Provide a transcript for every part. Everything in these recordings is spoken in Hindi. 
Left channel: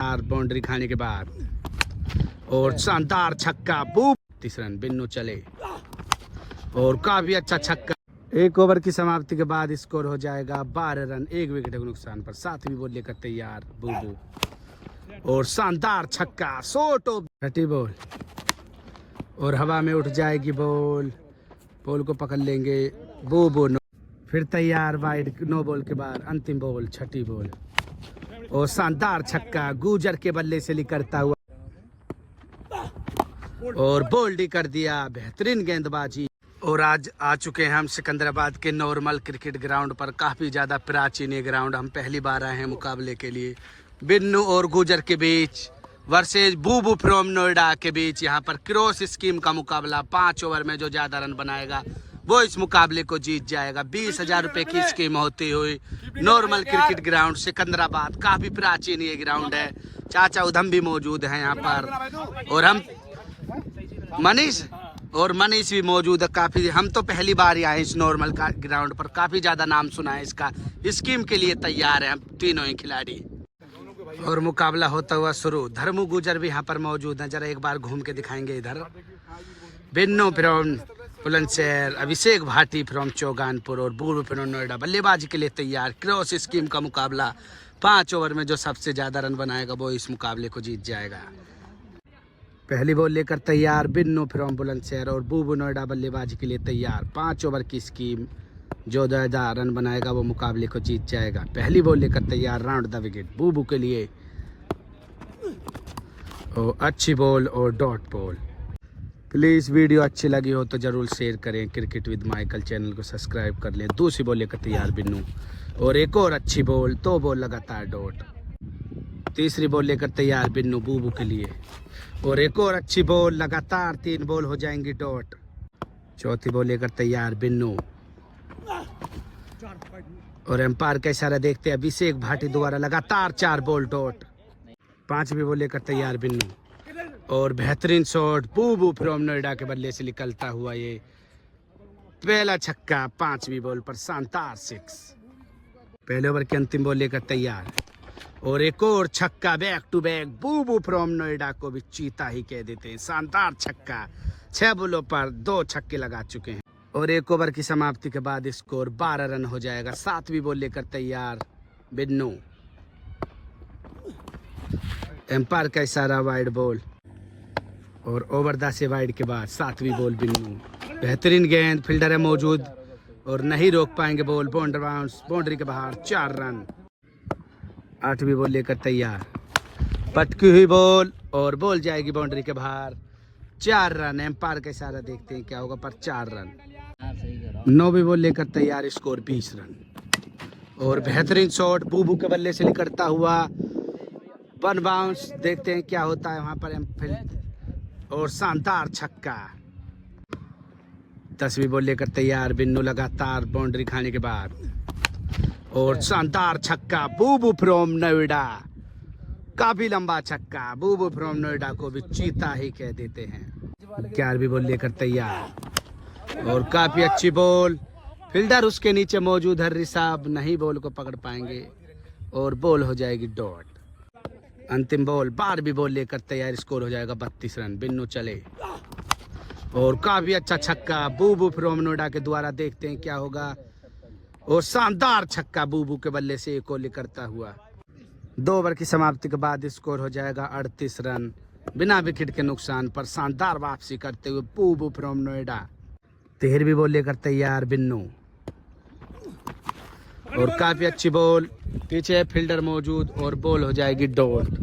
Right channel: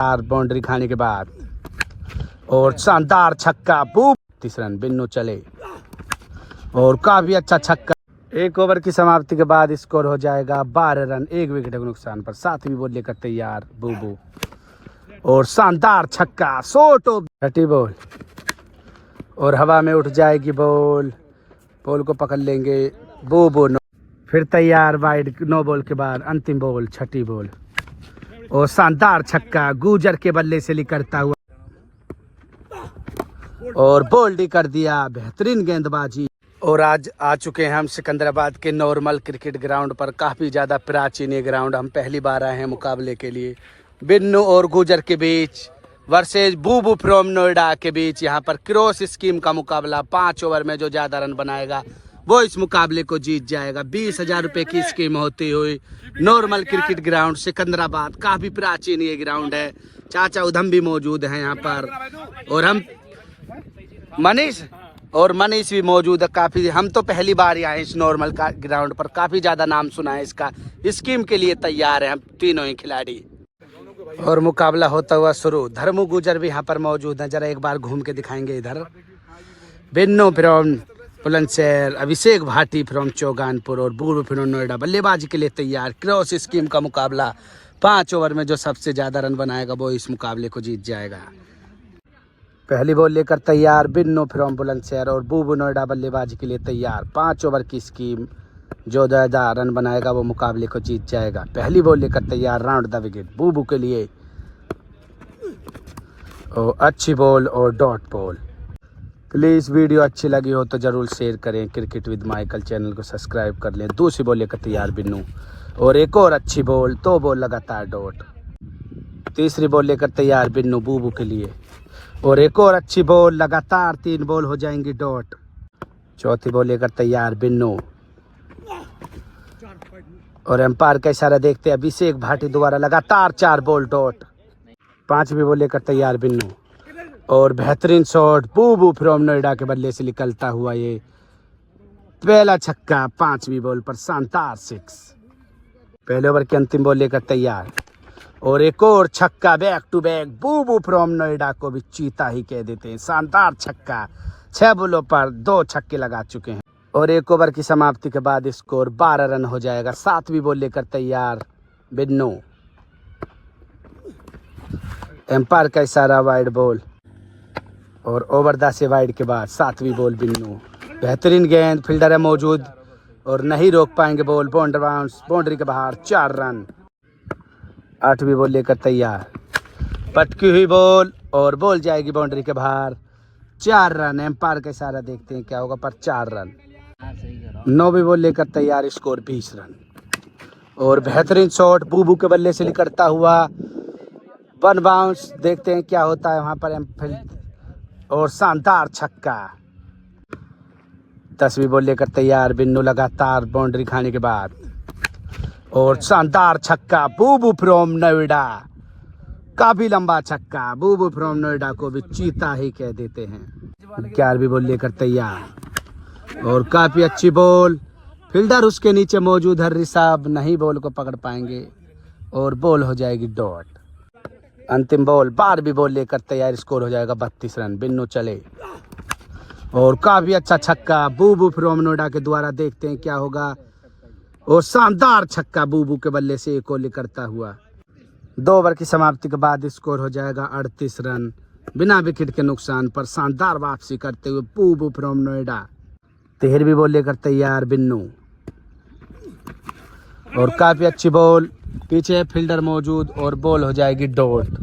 बाउंड्री खाने के बाद और शानदार छक्का, बूम 30 रन, बिन्नू चले और काफी अच्छा छक्का। एक ओवर की समाप्ति के बाद स्कोर हो जाएगा 12 रन, 1 विकेट के नुकसान पर। 7वीं बॉल लेकर तैयार बूबू और शानदार छक्का, शॉट ऑफ 30 बॉल और हवा में उठ जाएगी बॉल, बॉल को पकड़ लेंगे बूबू। फिर तैयार वाइड, 9 बॉल के बाद अंतिम बॉल, 6ठी बॉल और शानदार छक्का गुजर के बल्ले से निकलता हुआ और बोल्ड कर दिया, बेहतरीन गेंदबाजी। और आज आ चुके हैं हम सिकंदराबाद के नॉर्मल क्रिकेट ग्राउंड पर। काफ़ी ज़्यादा प्राचीन ये ग्राउंड, हम पहली बार आए हैं मुकाबले के लिए। बिन्नू और गुजर के बीच वर्सेज बूबू फ्रॉम नोएडा के बीच यहाँ पर क्रॉस स्कीम का मुकाबला। 5 ओवर में जो ज़्यादा रन बनाएगा वो इस मुकाबले को जीत जाएगा। 20,000 रुपये की स्कीम होती हुई नॉर्मल क्रिकेट ग्राउंड सिकंदराबाद। काफ़ी प्राचीन ये ग्राउंड है। चाचा उधम भी मौजूद हैं यहाँ पर और हम मनीष भी मौजूद है। काफ़ी, हम तो पहली बार ही आए इस नॉर्मल का ग्राउंड पर। काफ़ी ज़्यादा नाम सुना है इसका। स्कीम के लिए तैयार हैं हम तीनों ही खिलाड़ी और मुकाबला होता हुआ शुरू। धर्मू गुजर भी यहाँ पर मौजूद हैं, जरा एक बार घूम के दिखाएंगे इधर। Binnu from Bulandshahr, Abhishek Bhati from Chauganpur और बूबू फ्रॉम नोएडा बल्लेबाजी के लिए तैयार। क्रॉस स्कीम का मुकाबला। 5 ओवर में जो सबसे ज़्यादा रन बनाएगा वो इस मुकाबले को जीत जाएगा। पहली बॉल लेकर तैयार बिन्नू फ्रॉम बुलंदशहर और बूबू नोएडा बल्लेबाजी के लिए तैयार। 5 ओवर की स्कीम, जो ज़्यादा रन बनाएगा वो मुकाबले को जीत जाएगा। पहली बॉल लेकर तैयार, राउंड द विकेट बूबू के लिए और अच्छी बॉल और डॉट बॉल। प्लीज़ वीडियो अच्छी लगी हो तो ज़रूर शेयर करें। क्रिकेट विद माइकल चैनल को सब्सक्राइब कर लें। दूसरी बॉल लेकर तैयार बिन्नू और एक और अच्छी बॉल, 2 बॉल लगातार डॉट। तीसरी बॉल लेकर तैयार बिन्नू बूबू के लिए और एक और अच्छी बॉल, लगातार 3 बॉल हो जाएंगी डॉट। चौथी बॉल लेकर तैयार बिन्नू और एम्पायर का इशारा देखते अभिषेक भाटी द्वारा लगातार 4 बॉल डॉट। 5वीं बॉल लेकर तैयार बिन्नू और बेहतरीन शॉट, बूबू फ्रॉम नोएडा के बल्ले से निकलता हुआ ये पहला छक्का। 5वीं बॉल पर शानदार 6। पहले ओवर की अंतिम बॉल लेकर तैयार और एक और छक्का, बैक टू बैक। बूबू फ्रॉम नोएडा को भी चीता ही कह देते हैं। शानदार छक्का, 6 बॉलों पर 2 छक्के लगा चुके हैं और 1 ओवर की समाप्ति के बाद स्कोर 12 रन हो जाएगा। 7वीं बॉल लेकर तैयार बिन्नू, एम्पायर का इशारा वाइड बॉल और ओवर द से वाइड के बाद 7वीं बॉल बिन्नू। बेहतरीन गेंद, फील्डर है मौजूद और नहीं रोक पाएंगे बॉल, बाउंड्री के बाहर, 4 रन। 8वीं बॉल लेकर तैयार, पटकी हुई बॉल और बॉल जाएगी बाउंड्री के बाहर, 4 रन। एम्पायर का इशारा देखते हैं क्या होगा पर 4 रन। 9वीं बॉल लेकर तैयार, स्कोर 20 रन और बेहतरीन शॉट बूबू के बल्ले से निकलता हुआ 1 बाउंस। देखते हैं क्या होता है वहां पर और शानदार छक्का। 10वीं बॉल लेकर तैयार बिन्नू, लगातार बाउंड्री खाने के बाद और शानदार छक्का, बूबू फ्रॉम नोएडा। काफी लंबा छक्का, बूबू फ्रॉम नोएडा को भी चीता ही कह देते हैं। 11वीं बॉल लेकर तैयार और काफी अच्छी बॉल, फील्डर उसके नीचे मौजूद है ऋषभ, नहीं बॉल को पकड़ पाएंगे और बॉल हो जाएगी डॉट। अंतिम बॉल, 12वीं बॉल लेकर तैयार, स्कोर हो जाएगा 32 रन। बिन्नू चले और काफी अच्छा छक्का बूबू फ्रॉम नोएडा के द्वारा। देखते हैं क्या होगा और शानदार छक्का बूबू के बल्ले से एक और करता हुआ। 2 ओवर की समाप्ति के बाद स्कोर हो जाएगा 38 रन बिना विकेट के नुकसान पर। शानदार वापसी करते हुए बूबू फ्रॉम नोएडा। 13वीं बॉल लेकर तैयार बिन्नू और काफी अच्छी बॉल, पीछे फील्डर मौजूद और बॉल हो जाएगी डॉट।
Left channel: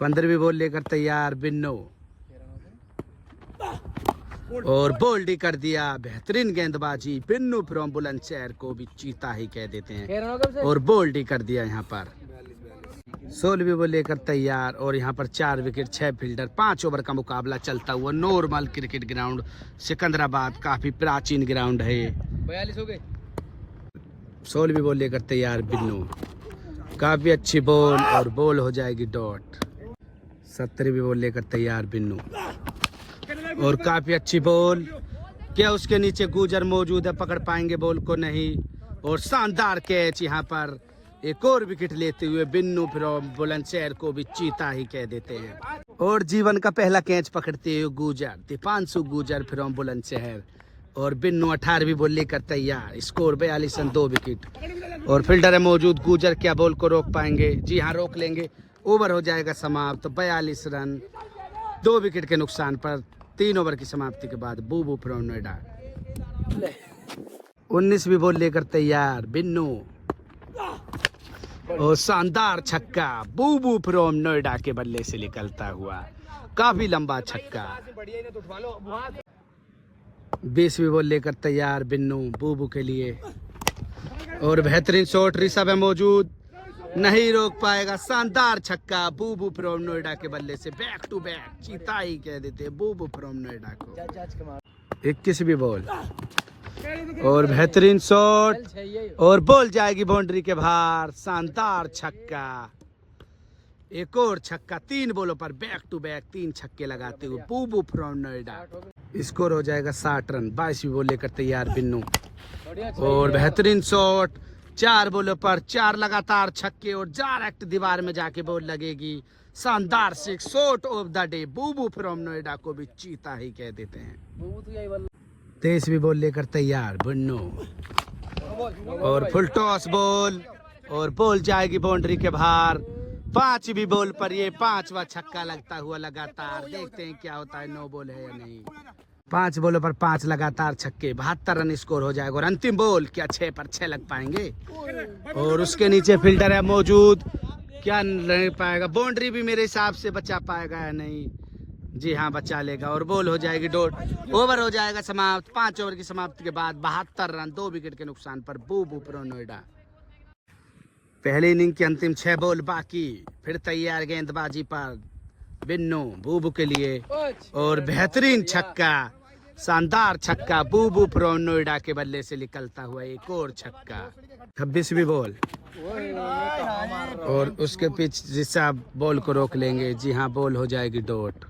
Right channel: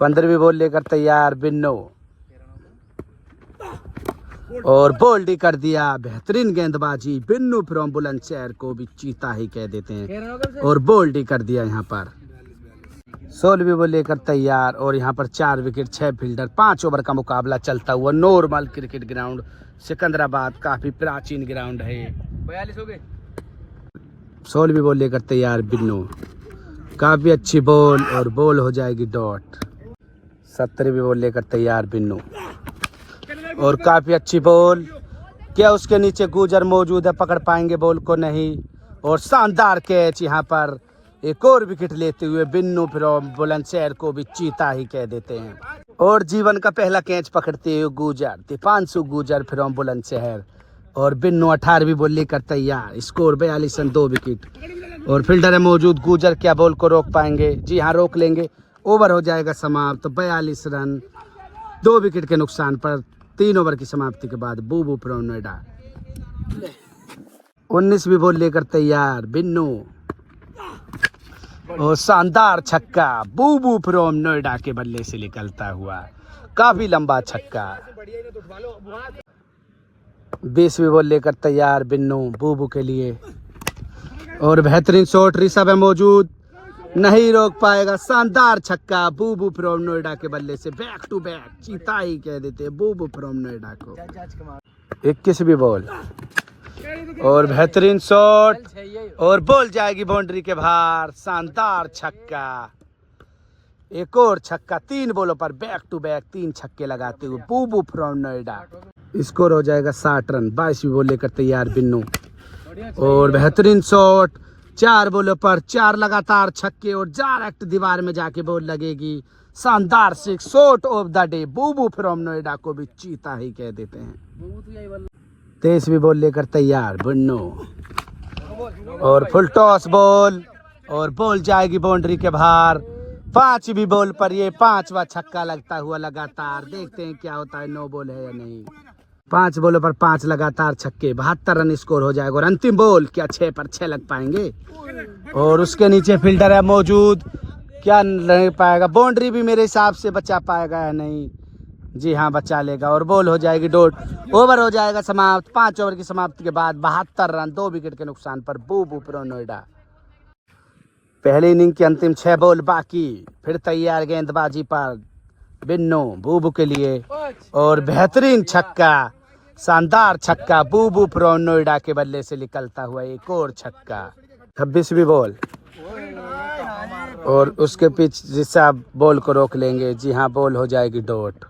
15वीं बॉल लेकर तैयार बिन्नू और बोल्ड कर दिया, बेहतरीन गेंदबाजी। बिन्नू फ्रॉम बुलंदशहर को भी चीता ही कह देते हैं और बोल्ड कर दिया यहाँ पर। 16वीं बॉल लेकर तैयार और यहाँ पर 4 विकेट, 6 फील्डर। 5 ओवर का मुकाबला चलता हुआ नॉर्मल क्रिकेट ग्राउंड सिकंदराबाद, काफी प्राचीन ग्राउंड है ये। 16वीं बॉल लेकर तैयार बिन्नू, काफी अच्छी बॉल और बॉल हो जाएगी डॉट। 17वीं बॉल लेकर तैयार बिन्नू और काफी अच्छी बॉल, क्या उसके नीचे गुजर मौजूद है, पकड़ पाएंगे बॉल को नहीं और शानदार कैच यहाँ पर एक और विकेट लेते हुए बिन्नू फ्रॉम बुलंदशहर को भी चीता ही कह देते हैं। और जीवन का पहला कैच पकड़ते हुए गुजर दीपांशु गुजर फ्रॉम बुलंदशहर और बिन्नू 18वीं बॉल लेकर तैयार। स्कोर 42 रन 2 विकेट और फील्डर है मौजूद। गुजर क्या बॉल को रोक पाएंगे? जी हाँ, रोक लेंगे। ओवर हो जाएगा समाप्त। 42 रन 2 विकेट के नुकसान पर 3 ओवर की समाप्ति के बाद बूबू फ्रॉम नोएडा 19वीं बॉल लेकर तैयार बिन्नू और शानदार छक्का बूबू फ्रॉम नोएडा के बल्ले से निकलता हुआ, काफी लंबा छक्का। 20वीं बॉल लेकर तैयार बिन्नू बूबू के लिए और बेहतरीन शॉट ऋषभ है मौजूद, नहीं रोक पाएगा। शानदार छक्का बूबू फ्रॉम नोएडा के बल्ले से, बैक टू बैक चीता ही कह देते बूबू फ्रॉम नोएडा को। 21वीं बॉल और बेहतरीन शॉट और बॉल जाएगी बाउंड्री के बाहर। शानदार छक्का, एक और छक्का। 3 बॉलों पर बैक टू बैक 3 छक्के लगाते हुए बूबू फ्रॉम नोएडा। स्कोर हो जाएगा 60 रन। 22वीं बॉल लेकर तैयार बिन्नू और बेहतरीन शॉट। 4 बॉलों पर 4 लगातार छक्के और डायरेक्ट दीवार में जाके बॉल लगेगी। शानदार 6 shot of the day Bubu from Noida को भी चीता ही कह देते हैं। 23वीं बॉल लेकर तैयार बिन्नू और फुल टॉस बॉल और बॉल जाएगी बाउंड्री के बाहर। 5वीं बॉल पर ये 5वां छक्का लगता हुआ लगातार। देखते हैं क्या होता है, 9 बॉल है या नहीं। 5 बॉलों पर 5 लगातार छक्के, 72 रन स्कोर हो जाएगा। और अंतिम बॉल, क्या 6 पर 6 लग पाएंगे? और उसके नीचे फील्डर है मौजूद, क्या नहीं पाएगा? बाउंड्री भी मेरे हिसाब से बचा पाएगा या नहीं? जी हाँ, बचा लेगा और बॉल हो जाएगी डॉट। ओवर हो जाएगा समाप्त। 5 ओवर की समाप्ति के बाद 72 रन 2 विकेट के नुकसान पर बूबू फ्रॉम नोएडा। पहली इनिंग की अंतिम 6 बॉल बाकी, फिर तैयार गेंदबाजी पर बिन्नू बूबू के लिए और बेहतरीन छक्का, शानदार छक्का बूबू फ्रॉम नोएडा के बल्ले से निकलता हुआ एक और छक्का। 26वीं बॉल और उसके पीछे जिससे बॉल को रोक लेंगे। जी हाँ, बॉल हो जाएगी डॉट।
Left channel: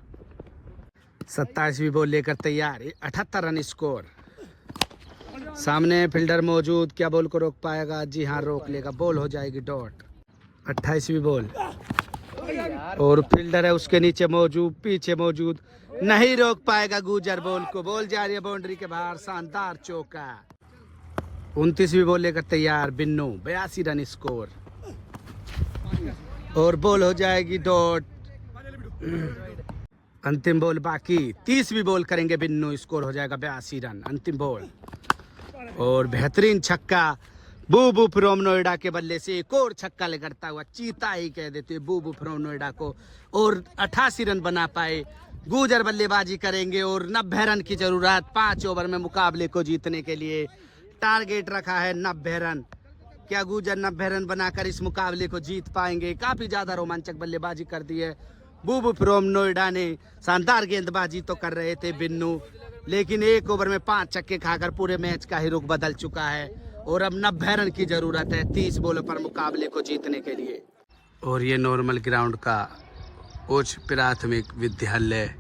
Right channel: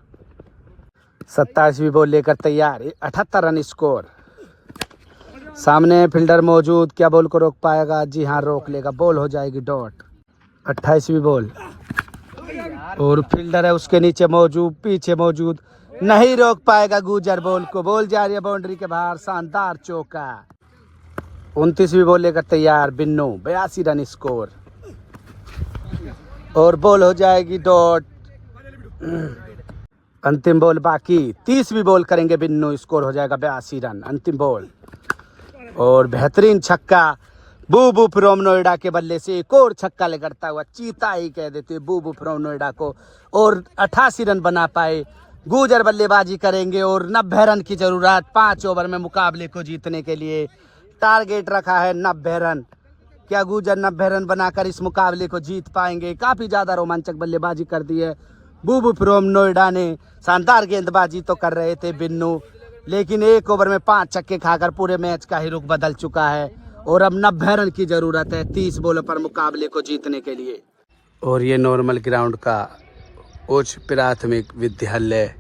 27वीं बॉल लेकर तैयार, 78 रन स्कोर। सामने फील्डर मौजूद, क्या बॉल को रोक पाएगा? जी हाँ, रोक लेगा। बॉल हो जाएगी डॉट। 28वीं बॉल और फील्डर है उसके नीचे मौजूद, पीछे मौजूद, नहीं रोक पाएगा गुजर बॉल को। बॉल जा रही है बाउंड्री के बाहर। शानदार चौका। 29वीं बॉल लेकर तैयार बिन्नू, 82 रन स्कोर और बॉल हो जाएगी डॉट। अंतिम बॉल बाकी, 30वीं बॉल करेंगे बिन्नू, स्कोर हो जाएगा 82 रन। अंतिम बॉल और बेहतरीन छक्का बूबू फ्रॉम नोएडा के बल्ले से, एक और छक्का लगता हुआ चीता ही कह देते बूबू फ्रॉम नोएडा को। और 88 रन बना पाए। गुजर बल्लेबाजी करेंगे और 90 रन की जरूरत 5 ओवर में मुकाबले को जीतने के लिए। टारगेट रखा है 90 रन। क्या गुजर 90 रन बनाकर इस मुकाबले को जीत पाएंगे? काफी ज्यादा रोमांचक बल्लेबाजी कर दी है बूबू फ्रॉम नोएडा ने। शानदार गेंदबाजी तो कर रहे थे बिन्नू, लेकिन 1 ओवर में 5 छक्के खाकर पूरे मैच का ही रुख बदल चुका है और अब 90 रन की जरूरत है 30 बॉलों पर मुकाबले को जीतने के लिए। और ये नॉर्मल ग्राउंड का उच्च प्राथमिक विद्यालय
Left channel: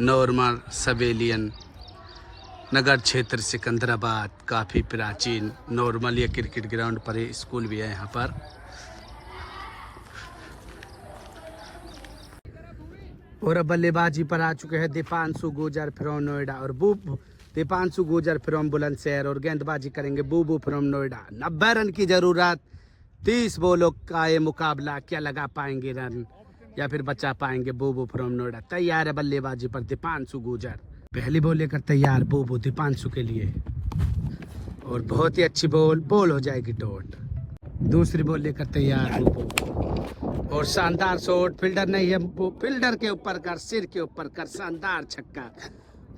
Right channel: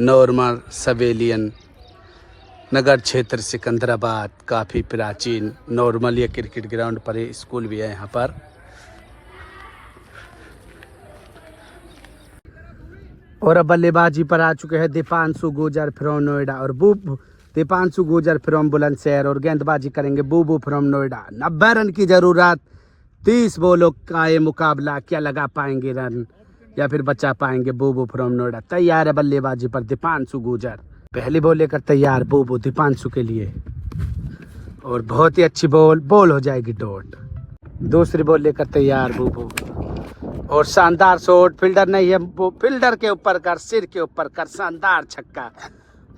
नॉर्मल सवेलियन नगर क्षेत्र सिकंदराबाद, काफ़ी प्राचीन नॉर्मल ये क्रिकेट ग्राउंड पर ही स्कूल भी है यहाँ पर। और अब बल्लेबाजी पर आ चुके हैं दीपांशु गुजर फ्रॉम नोएडा और दीपांशु गुजर फ्रॉम बुलंदशहर और गेंदबाजी करेंगे बूबू फ्रॉम नोएडा। 90 रन की जरूरत, 30 बॉलों का ये मुकाबला। क्या लगा पाएंगे रन या फिर बचा पाएंगे बूबू फ्रॉम नोएडा? तैयार है बल्लेबाजी पर दीपांशु गुजर। पहली बॉल लेकर तैयार बूबू दीपांशु के लिए और बहुत ही अच्छी बॉल हो जाएगी डॉट। दूसरी बॉल लेकर तैयार बूबू और शानदार शॉट। फील्डर नहीं है, वो फील्डर के ऊपर कर, सिर के ऊपर कर। शानदार छक्का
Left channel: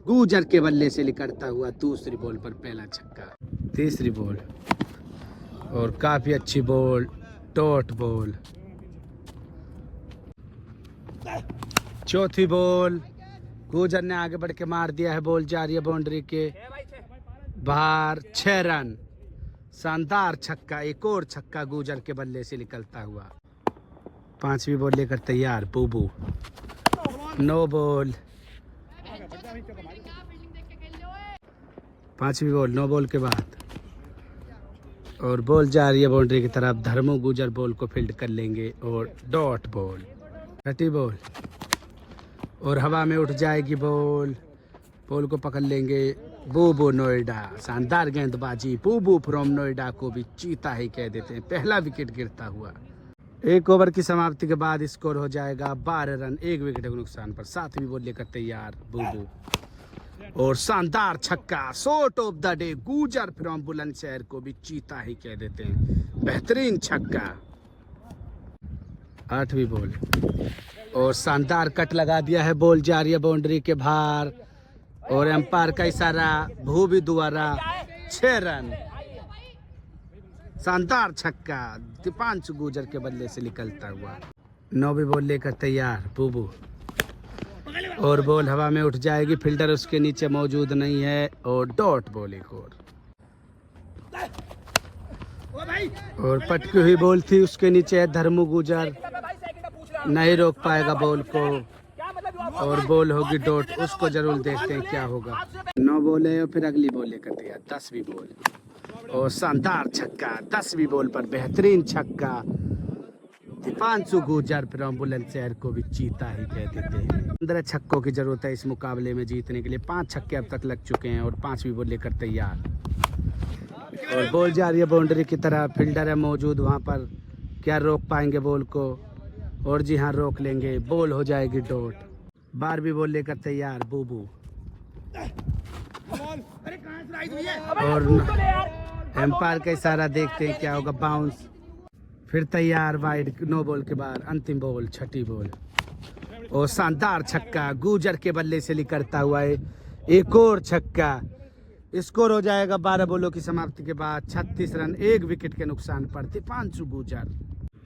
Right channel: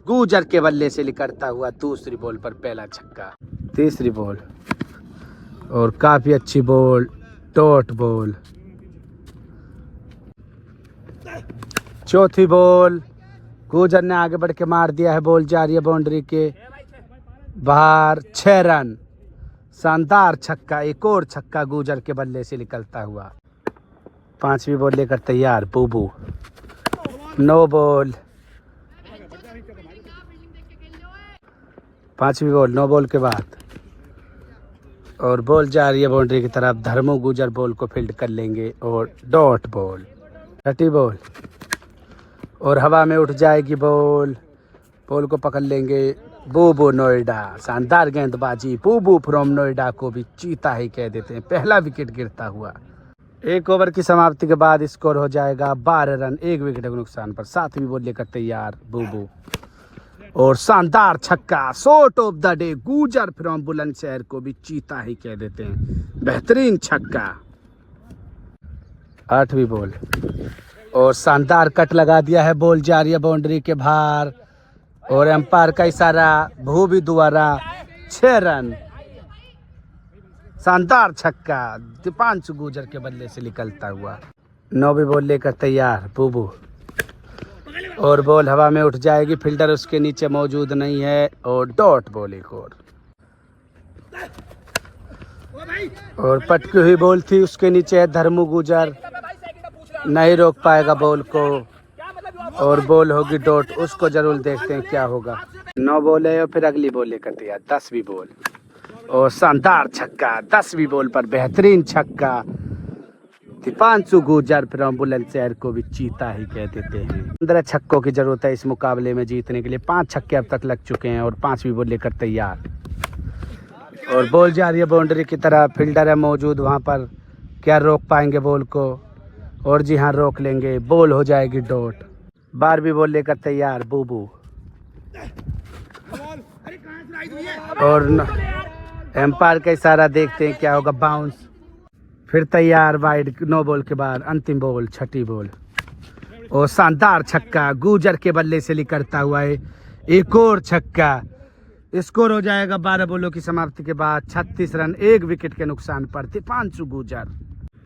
गुजर के बल्ले से निकलता हुआ दूसरी बॉल पर पहला छक्का। तीसरी बॉल और काफी अच्छी बॉल, डॉट बॉल। चौथी बॉल गुजर ने आगे बढ़ के मार दिया है। बॉल जा रही है बाउंड्री के बाहर। 6 रन। शानदार छक्का, एक और छक्का गुजर के बल्ले से निकलता हुआ। 5वीं बॉल लेकर तैयार बूबू। 9 बॉल। 5वीं बॉल, 9 बॉल के बाद और बॉल जा रही है बाउंड्री की तरफ। धर्मो गुजर बॉल को फील्ड कर लेंगे और डॉट बॉल, छठी बॉल और हवा में उठ जाएगी बॉल। बॉल को पकड़ लेंगे बूबू नोएडा। शानदार गेंदबाजी बूबू फ्रॉम नोएडा को भी चीता ही कह देते हैं। पहला विकेट गिरता हुआ। 1 ओवर की समाप्ति के बाद स्कोर हो जाएगा 12 रन 1 विकेट के नुकसान पर। 7वीं बॉल लेकर तैयार बूबू और शानदार छक्का, शॉट ऑफ द डे। गुजर फ्रॉम बुलंदशहर को भी चीता ही कह देते हैं। बेहतरीन छक्का। 8वीं बॉल और शानदार कट लगा दिया है। बॉल जा रही है बाउंड्री के बाहर और एम्पायर का इशारा भूवी द्वारा 6 रन। शानदार छक्का दीपांशु गुजर के बल्ले से निकलता हुआ। 9वीं बॉल लेकर तैयार बूबू और बॉल हवा में उठ जाएगी। फील्डर उसके नीचे मौजूद नहीं है और डॉट बॉल एक और पटकी हुई बॉल थी। उसके नीचे है धर्मू गुजर, नहीं रोक पाएगा बॉल को और बॉल होगी डॉट। उसको जरूर देखते हैं क्या होगा। 9 बॉल है और फिर अगली बॉल लेकर तैयार 10वीं बॉल और शानदार छक्का। 10वीं बॉल पर बेहतरीन छक्का। दीपांशु गुजर फ्रॉम बुलंदशहर को भी चीता ही कह देते हैं। 15 छक्कों की जरूरत है इस मुकाबले में जीतने के लिए। 5 छक्के अब तक लग चुके हैं और 5वीं बॉल लेकर तैयार और बॉल जा रही है बाउंड्री की तरफ। फील्डर है मौजूद वहां पर। क्या रोक पाएंगे बॉल को? और जी हाँ, रोक लेंगे। बॉल हो जाएगी डॉट। 12वीं बॉल लेकर तैयार बूबू और एम्पायर का इशारा देखते हैं क्या होगा। बाउंस फिर तैयार वाइड। 9 बॉल के बाद अंतिम बॉल, छठी बॉल और शानदार छक्का गुजर के बल्ले से निकलता हुआ है। एक और छक्का। स्कोर हो जाएगा 12 बॉलों की समाप्ति के बाद 36 रन 1 विकेट के नुकसान पर दीपांशु गुजर।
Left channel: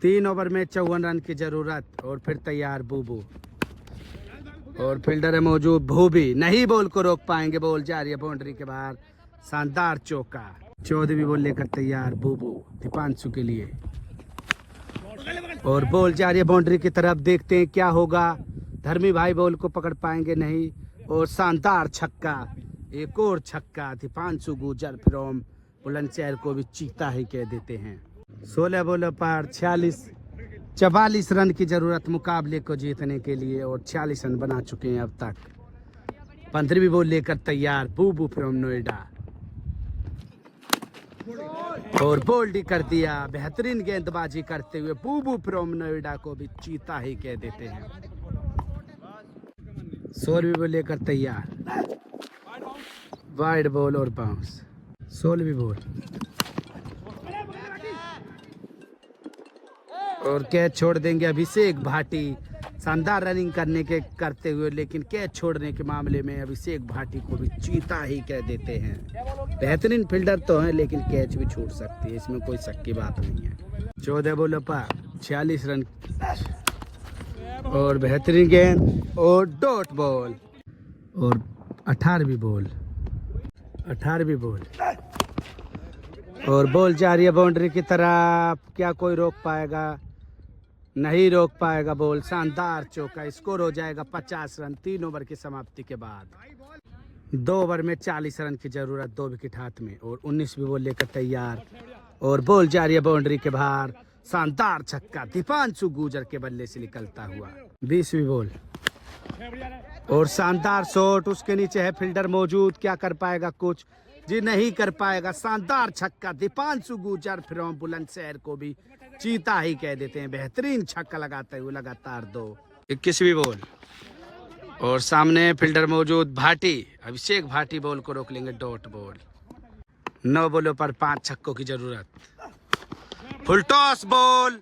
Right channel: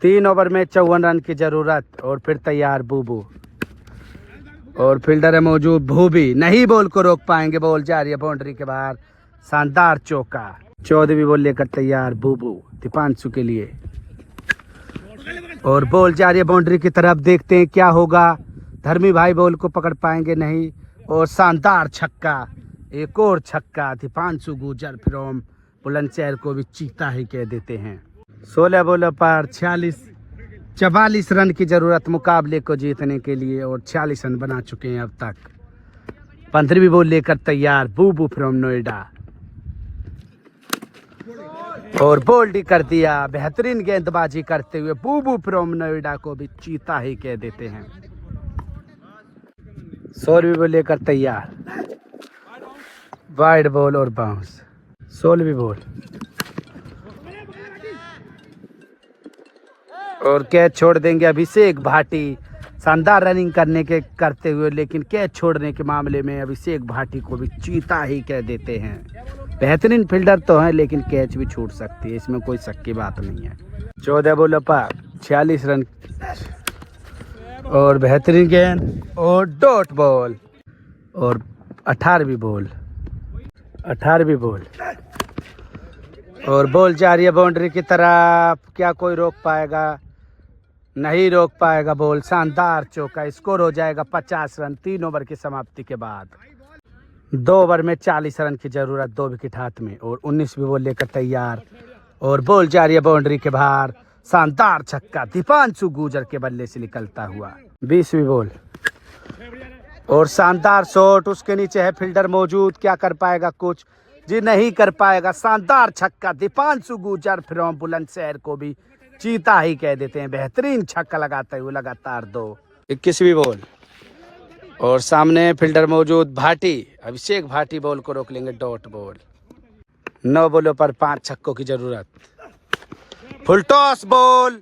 3 ओवर में 54 रन की जरूरत और फिर तैयार बूबू और फील्डर है मौजूद भूवी, नहीं बॉल को रोक पाएंगे। बॉल जा रही है बाउंड्री के बाहर। शानदार चौका। 14वीं बॉल लेकर तैयार बूबू दीपांशु के लिए और बॉल जा रही है बाउंड्री की तरफ। देखते हैं क्या होगा। धर्मी भाई बॉल को पकड़ पाएंगे नहीं और शानदार छक्का। एक और छक्का। दीपांशु गुजर फ्रॉम बुलंदशहर को भी चीता ही कह देते हैं। 16 बॉलों पर 44 रन की जरूरत मुकाबले को जीतने के लिए और 46 रन बना चुके हैं अब तक। 15वीं बॉल लेकर तैयार बूबू फ्रॉम नोएडा और बोल्ड कर दिया। बेहतरीन गेंदबाजी करते हुए बूबू फ्रॉम नोएडा को भी चीता ही कह देते हैं। 16वीं बॉल लेकर तैयार वाइड बॉल और बाउंस। 16वीं बॉल और कैच छोड़ देंगे अभिषेक भाटी। शानदार रनिंग करते हुए लेकिन कैच छोड़ने के मामले में अभिषेक भाटी को भी चीता ही कह देते हैं। बेहतरीन फील्डर तो है लेकिन कैच भी छूट सकती है, इसमें कोई शक की बात नहीं है। 14 बॉलों पर 46 रन और बेहतरीन गेंद और डॉट बॉल और 18वीं बॉल और बॉल जा रही है बाउंड्री की तरफ। क्या कोई रोक पाएगा? नहीं रोक पाएगा बॉल। शानदार चौका। स्कोर हो जाएगा 50 रन 3 ओवर की समाप्ति के बाद। 2 ओवर में 40 रन की जरूरत, 2 विकेट हाथ में और 19वीं बॉल लेकर तैयार और बॉल जा रही है बाउंड्री के बाहर। शानदार छक्का दीपांशु गुजर के बल्ले से निकलता हुआ। 20वीं बॉल और शानदार शॉट। उसके नीचे है फील्डर मौजूद। क्या कर पाएगा कुछ? जी नहीं कर पाएगा। शानदार छक्का दीपांशु गुजर फ्रॉम बुलंदशहर को भी चीता ही कह देते हैं। बेहतरीन छक्का लगाते हुए लगातार 2। 21वीं बॉल और सामने फील्डर मौजूद भाटी, अभिषेक भाटी बॉल को रोक लेंगे डॉट बॉल। 9 बॉलों पर 5 छक्कों की जरूरत। फुल टॉस बॉल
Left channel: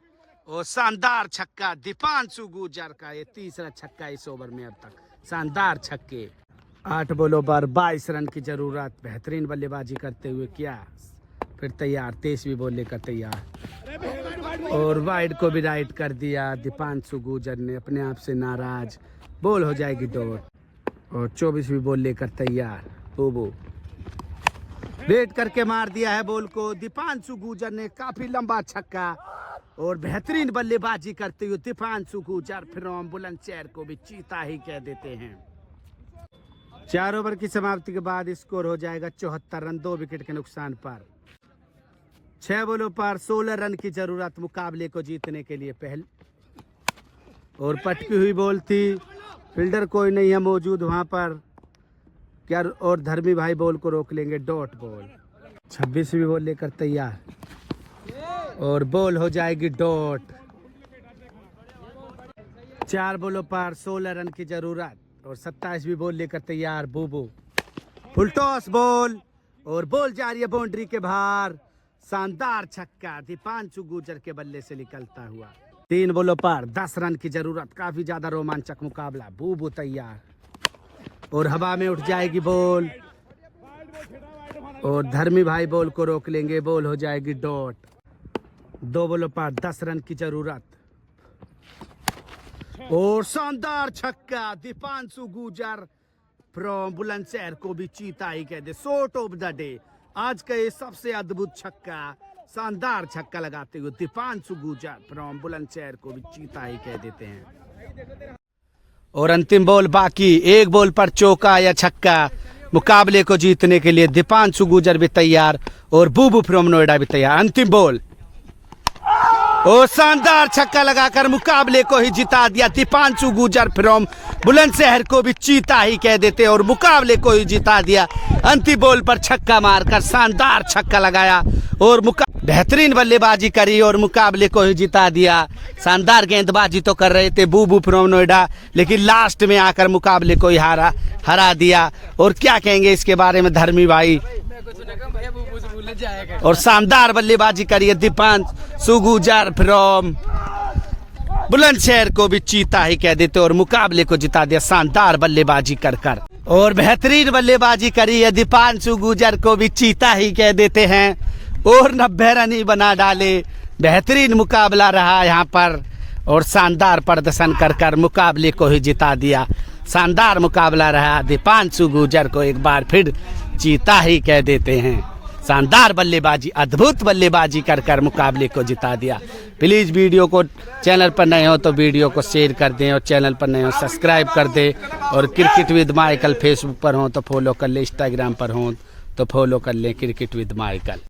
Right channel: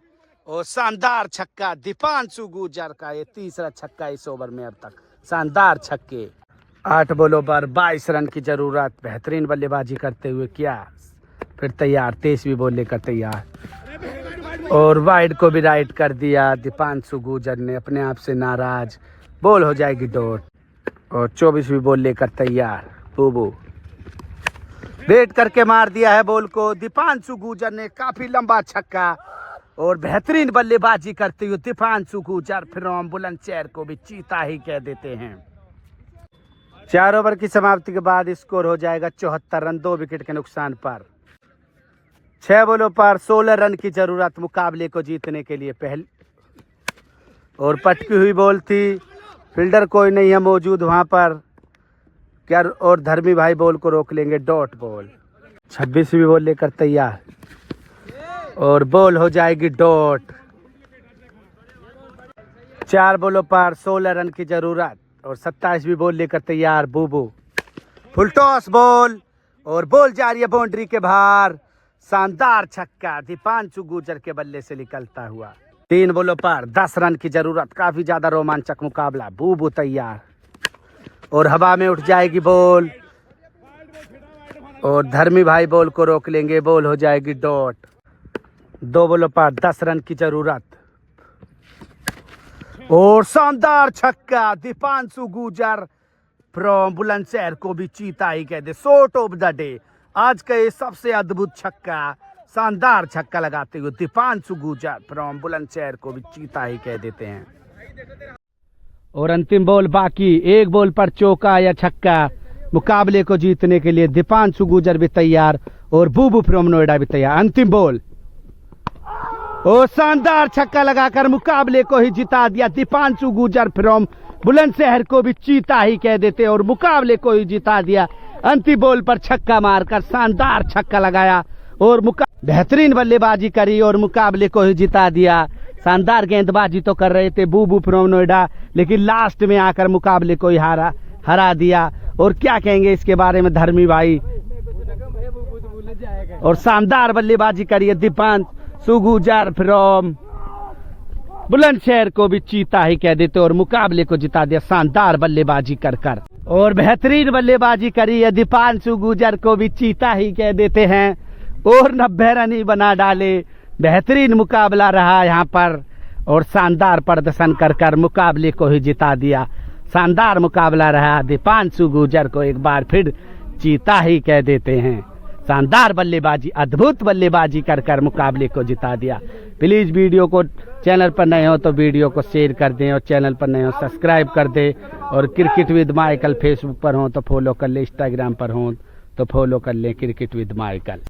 और शानदार छक्का दीपांशु गुजर का। ये तीसरा छक्का इस ओवर में अब तक। शानदार छक्के। 8 बॉलों पर 22 रन की जरूरत। बेहतरीन बल्लेबाजी करते हुए क्या फिर तैयार। 23वीं बॉल लेकर तैयार और वाइड को भी राइट कर दिया दीपांशु गुजर ने, अपने आप से नाराज। बॉल हो जाएगी डॉट और 24वीं बॉल लेकर तैयार बूबू। वेट करके मार दिया है बॉल को दीपांशु गुजर ने। काफी लंबा छक्का और बेहतरीन बल्लेबाजी करते हुए दीपांशु गुजर फ्रॉम बुलंदशहर को भी चीता ही कह देते हैं। 4 ओवर की समाप्ति के बाद स्कोर हो जाएगा 74 रन 2 विकेट के नुकसान पर। 6 बॉलों पर 16 रन की जरूरत मुकाबले को जीतने के लिए। पहले और पटकी हुई बॉल थी, फील्डर कोई नहीं है मौजूद वहां पर क्या, और धर्मी भाई बॉल को रोक लेंगे। Dot ball. 26वीं बॉल लेकर तैयार और बॉल हो जाएगी डॉट। 4 बॉलों पर 16 रन की जरूरत और 27वीं बॉल लेकर तैयार बूबू। फुल टॉस बॉल और बॉल जा रही है बाउंड्री के बाहर। शानदार छक्का दीपांशु गुर्जर के बल्ले से निकलता हुआ। 3 बॉलों पर 10 रन की जरूरत। काफी ज्यादा रोमांचक मुकाबला। बूबू तैयार और हवा में उठ जाएगी बॉल और धर्मी भाई बॉल को रोक लेंगे। बॉल हो जाएगी डॉट। 2 बॉलों पर 10 रन की जरूरत और शानदार छक्का दीपांशु गुर्जर फ्रॉम बुलंदशहर को भी चीता ही कह दे। Shot of the day. आज का ये सबसे अद्भुत छक्का, शानदार छक्का लगाते हुए दीपांशु गुर्जर फ्रॉम बुलंदशहर को भी चीता ही कह देते हैं। और अंतिम बॉल बाकी। 1 बॉल पर चौका या छक्का मुकाबले को जीतने के लिए। दीपांशु गुर्जर भी तैयार और बूबू फ्रॉम नोएडा भी तैयार। अंतिम बॉल और शानदार छक्का लगाकर मुकाबले को ही जिता दिया। दीपांशु गुर्जर फ्रॉम बुलंदशहर को भी चीता ही कह देते और मुकाबले को ही जिता दिया। अंतिम बॉल पर छक्का मारकर शानदार छक्का लगाया और बेहतरीन बल्लेबाजी करी और मुकाबले को ही जिता दिया। शानदार गेंदबाजी तो कर रहे थे बूबू फ्रॉम नोएडा, लेकिन लास्ट में आकर मुकाबले को ही हरा दिया। और क्या कहेंगे इसके बारे में धर्मी भाई। और शानदार बल्लेबाजी करी है दीपांशु गुर्जर फ्रॉम बुलंदशहर को भी चीता ही कह देते और मुकाबले को जिता दिया शानदार बल्लेबाजी कर। और बेहतरीन बल्लेबाजी करी है दीपांशु गुर्जर को भी चीता ही कह देते हैं और 90 रन ही बना डाले। बेहतरीन मुकाबला रहा यहाँ पर और शानदार प्रदर्शन कर मुकाबले को ही जिता दिया। शानदार मुकाबला रहा। दीपांशु गुर्जर को एक बार फिर चीता ही कह देते हैं। शानदार बल्लेबाजी, अद्भुत बल्लेबाजी कर मुकाबले को जिता दिया। प्लीज़ वीडियो को, चैनल पर नए हो तो वीडियो को शेयर कर दें और चैनल पर नए हो सब्सक्राइब कर दें। और क्रिकेट विद माइकल फेसबुक पर हो तो फॉलो कर लें, इंस्टाग्राम पर हो तो फॉलो कर लें क्रिकेट विद माइकल।